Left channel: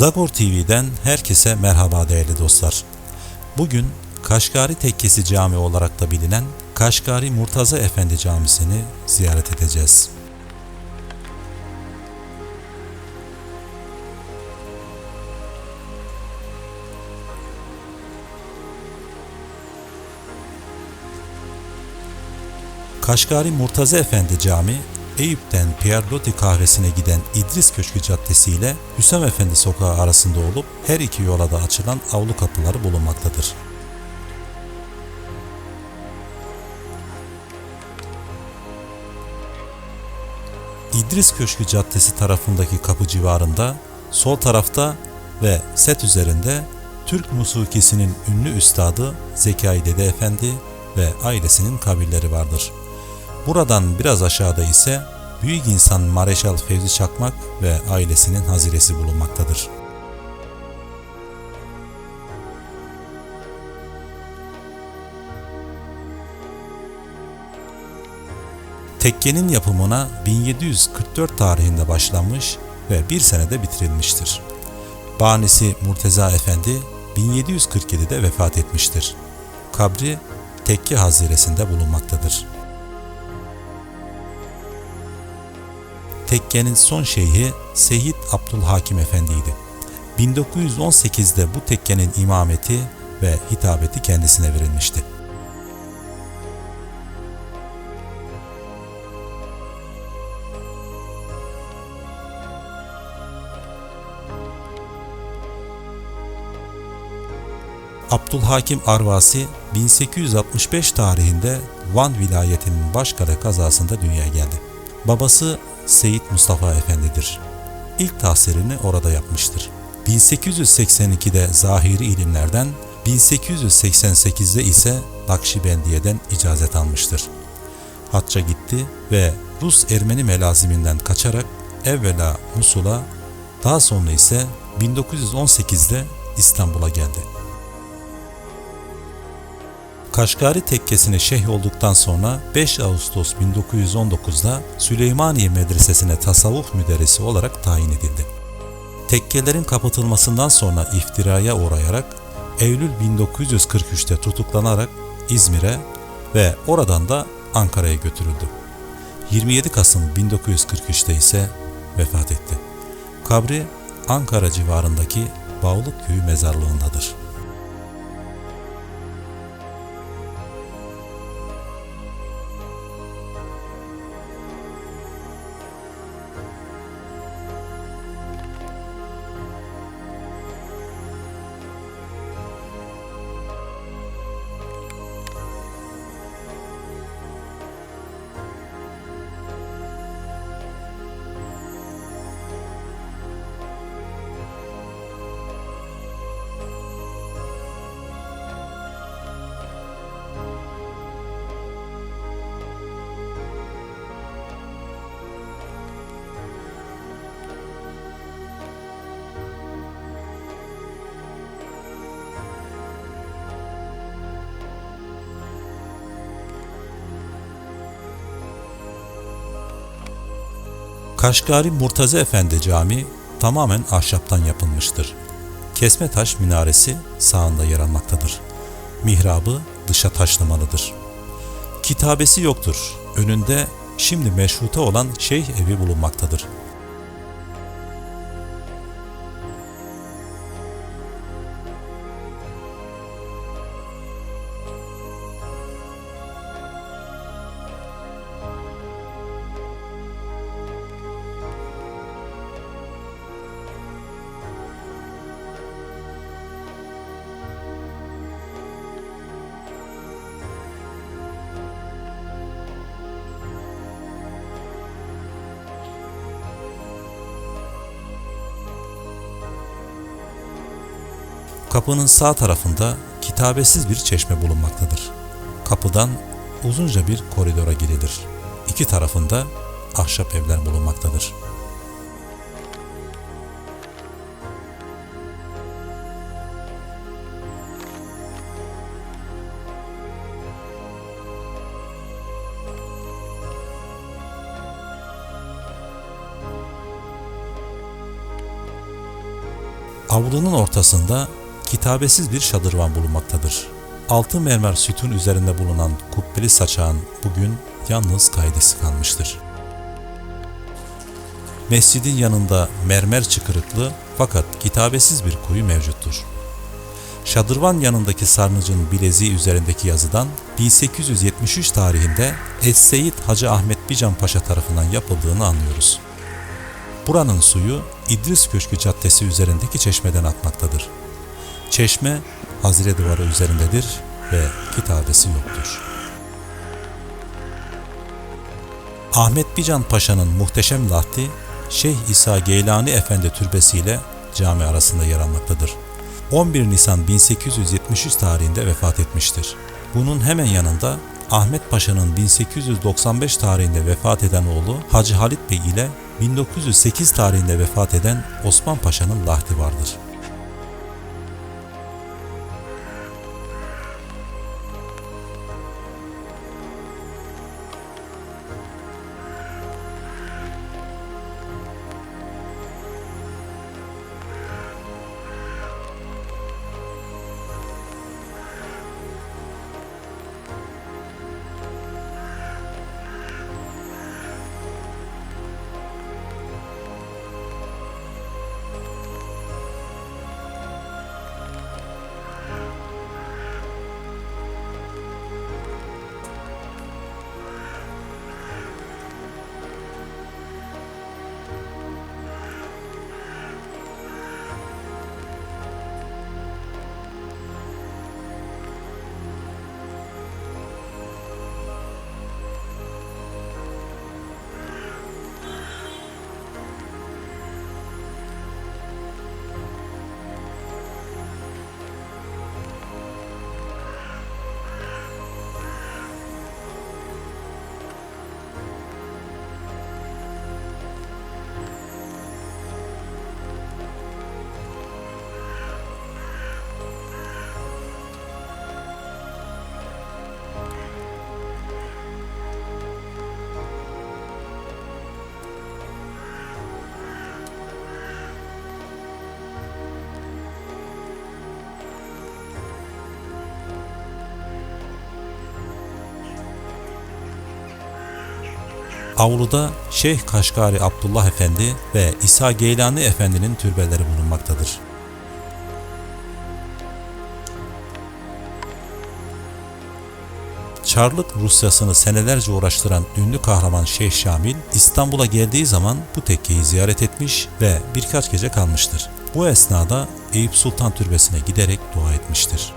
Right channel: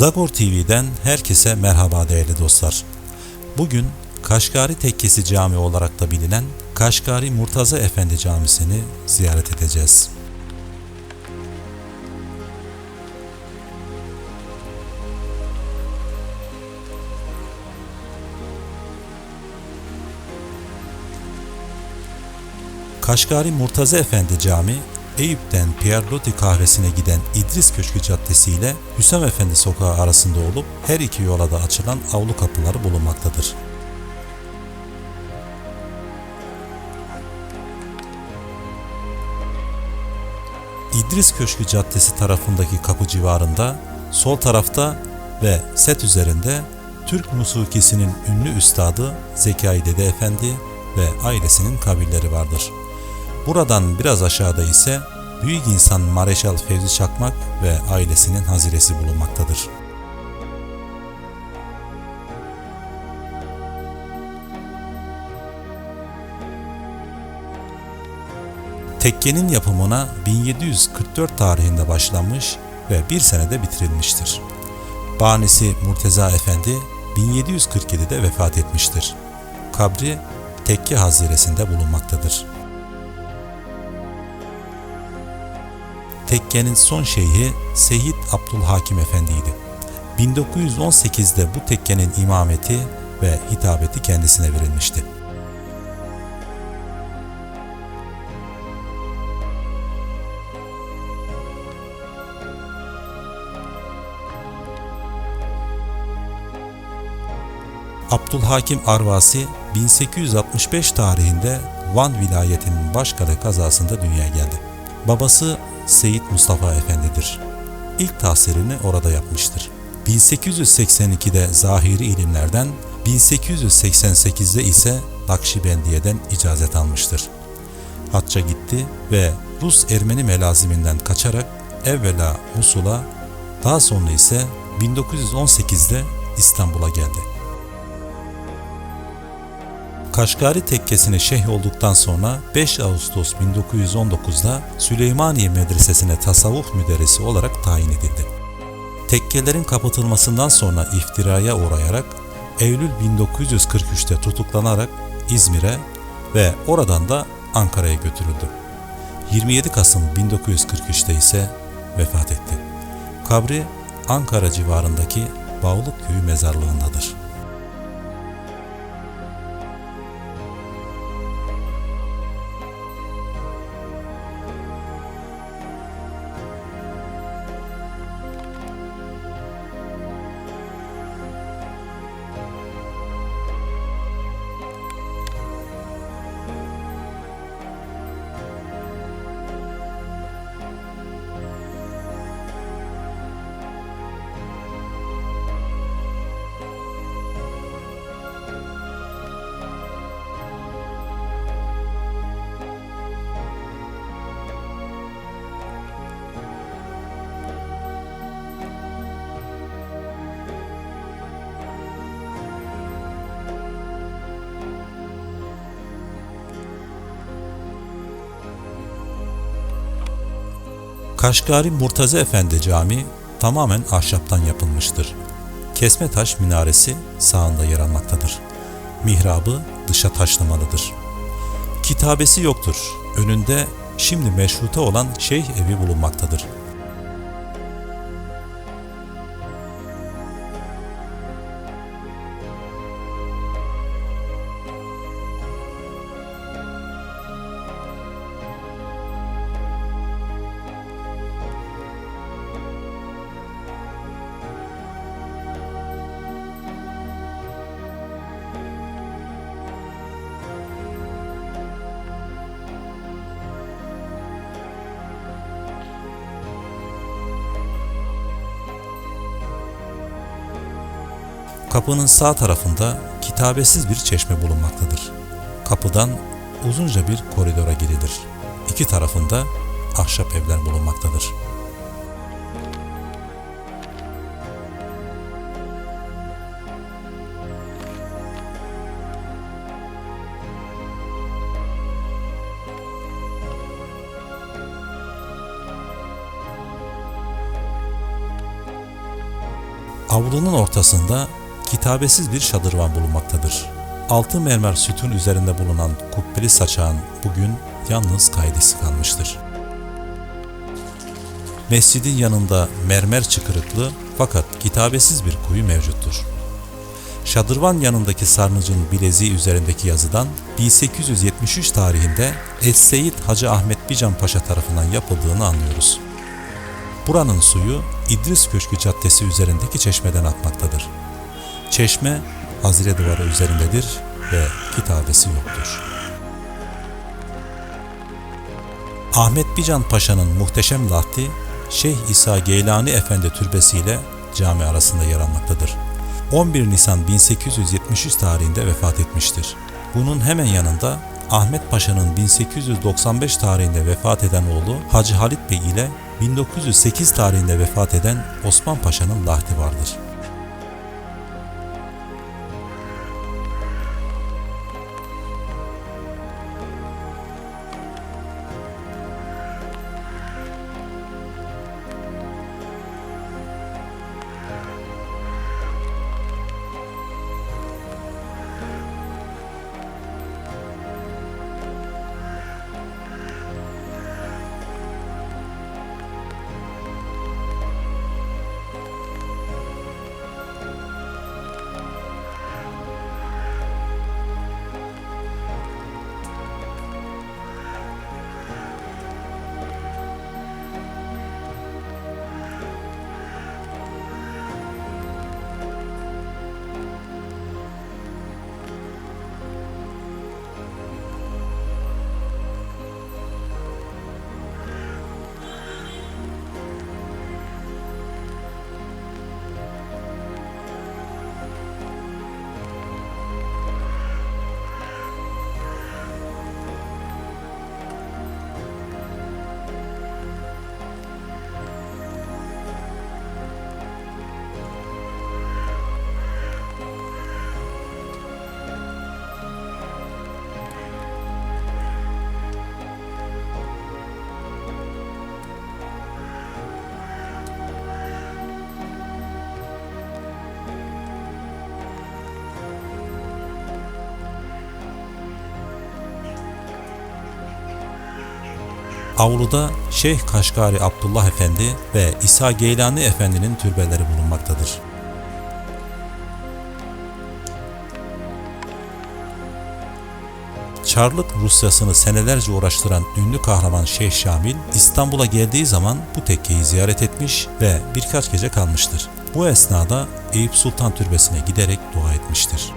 Zagor TV'den herkese merhaba değerli dostlar. Bugün Kaşgari Tekkesi Camii olarak da bilinen Kaşgari Murtaza Efendi Camisi'ni ziyaret edeceğiz. Kaşgari Murtaza Efendi Camii, Eyüp'ten Pierlotti kahvesine giden İdris Köşkü Caddesi ile Hüsam Efendi Sokağı arasında olup her iki yola da açılan avlu kapıları bulunmaktadır. İdris Köşkü Caddesi tarafındaki kapı civarında, sol tarafta ve set üzerinde Türk musikisinin ünlü üstadı Zekai Dede Efendi ve ailesinin kabirleri vardır. Buradan biraz aşağıda ise büyük insan Mareşal Fevzi Çakmak ve ailesinin haziresi bulunmaktadır. Tekkenin yapımına 1744 tarihinde başlanmış ve bir senede bitirilmiştir. Banisi Murteza Efendi 1747'de vefat etmiştir. Kabri tekke haziresinde bulunmaktadır. Tekkenin son şeyhi Seyit Abdülhakim Efendi'ydi. 1918'de bu tekkenin imameti ve hitabeti kendisine verilmişti. Abdülhakim Arvasi 1865 tarihinde Van vilayetinin Başkale kazasında dünyaya geldi. Babası Seyit Mustafa Efendi'dir. İlk tahsilini orada yapmıştır. 1882'de zahiri ilimlerden, 1888'de ise Nakşibendiye'den icazet almıştır. Hacca gitti ve Rus Ermeni melaziminden kaçarak evvela Musul'a, daha sonra ise 1918'de İstanbul'a geldi. Kaşgari tekkesine şeyh olduktan sonra 5 Ağustos 1919'da Süleymaniye Medresesi'ne tasavvuf müderrisi olarak tayin edildi. Tekkelerin kapatılmasından sonra iftiraya uğrayarak Eylül 1943'te tutuklanarak İzmir'e ve oradan da Ankara'ya götürüldü. 27 Kasım 1943'te ise vefat etti. Kabri Ankara civarındaki Bağlık Köyü mezarlığındadır. Kaşgari Murtaza Efendi Camii tamamen ahşaptan yapılmıştır. Kesme taş minaresi sağında yer almaktadır. Mihrabı dışa taşlamalıdır. Kitabesi yoktur. Önünde şimdi meşrute olan şeyh evi bulunmaktadır. Kapının sağ tarafında kitabesiz bir çeşme bulunmaktadır. Kapıdan uzunca bir koridora girilir. İki tarafında ahşap evler bulunmaktadır. Avlunun ortasında kitabesiz bir şadırvan bulunmaktadır. Altı mermer sütun üzerinde bulunan kubbeli saçağın bugün yalnız kaidesi kalmıştır. Mescidin yanında mermer çıkırıklı fakat kitabesiz bir kuyu mevcuttur. Şadırvan yanındaki sarnıcın bileziği üzerindeki yazıdan 1873 tarihinde Es-Seyyid Hacı Ahmet Bican Paşa tarafından yapıldığını anlıyoruz. Buranın suyu İdris Köşkü Caddesi üzerindeki çeşmeden akmaktadır. Çeşme Hazire Duvarı üzerindedir ve kitabesi yoktur. Ahmet Bican Paşa'nın muhteşem lahti Şeyh İsa Geylani Efendi Türbesi ile cami arasında yer almaktadır. 11 Nisan 1873 tarihinde vefat etmiştir. Bunun hemen yanında Ahmet Paşa'nın 1895 tarihinde vefat eden oğlu Hacı Halit Bey ile 1908 tarihinde vefat eden Osman Paşa'nın lahdi vardır. Avluda Şeyh Kaşgari Abdullah Efendi ve İsa Geylani Efendi'nin türbeleri bulunmaktadır. Çarlık Rusyasını senelerce uğraştıran ünlü kahraman Şeyh Şamil İstanbul'a geldiği zaman bu tekkeyi ziyaret etmiş ve birkaç gece kalmıştır. Bu esnada Eyüp Sultan Türbesi'ne giderek dua etmiştir.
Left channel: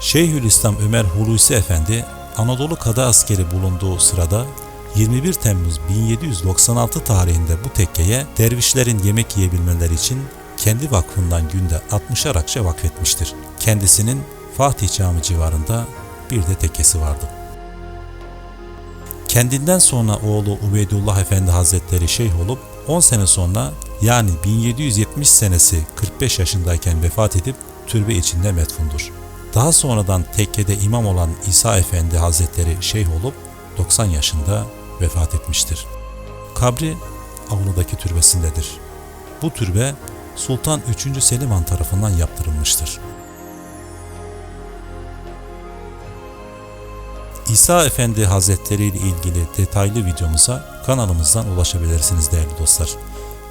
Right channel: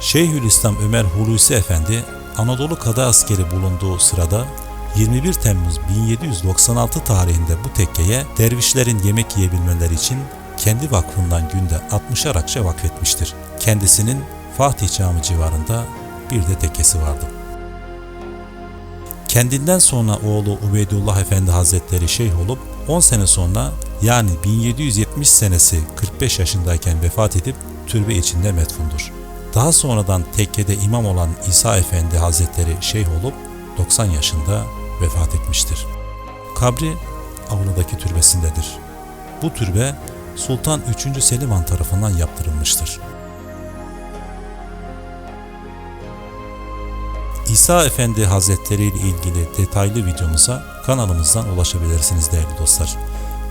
Şeyhülislam Ömer Hulusi Efendi Anadolu Kadı askeri bulunduğu sırada 21 Temmuz 1796 tarihinde bu tekkeye dervişlerin yemek yiyebilmeleri için kendi vakfından günde 60'ar akçe vakfetmiştir. Kendisinin Fatih Camii civarında bir de tekkesi vardı. Kendinden sonra oğlu Ubeydullah Efendi Hazretleri şeyh olup 10 sene sonra yani 1770 senesi 45 yaşındayken vefat edip türbe içinde metfundur. Daha sonradan tekkede imam olan İsa Efendi Hazretleri şeyh olup 90 yaşında vefat etmiştir. Kabri avludaki türbesindedir. Bu türbe Sultan 3. Selim Han tarafından yaptırılmıştır. İsa Efendi Hazretleri ile ilgili detaylı videomuza kanalımızdan ulaşabilirsiniz değerli dostlar.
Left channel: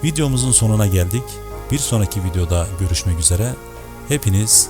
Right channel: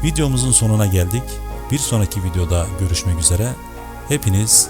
Videomuzun sonuna geldik. Bir sonraki videoda görüşmek üzere. Hepiniz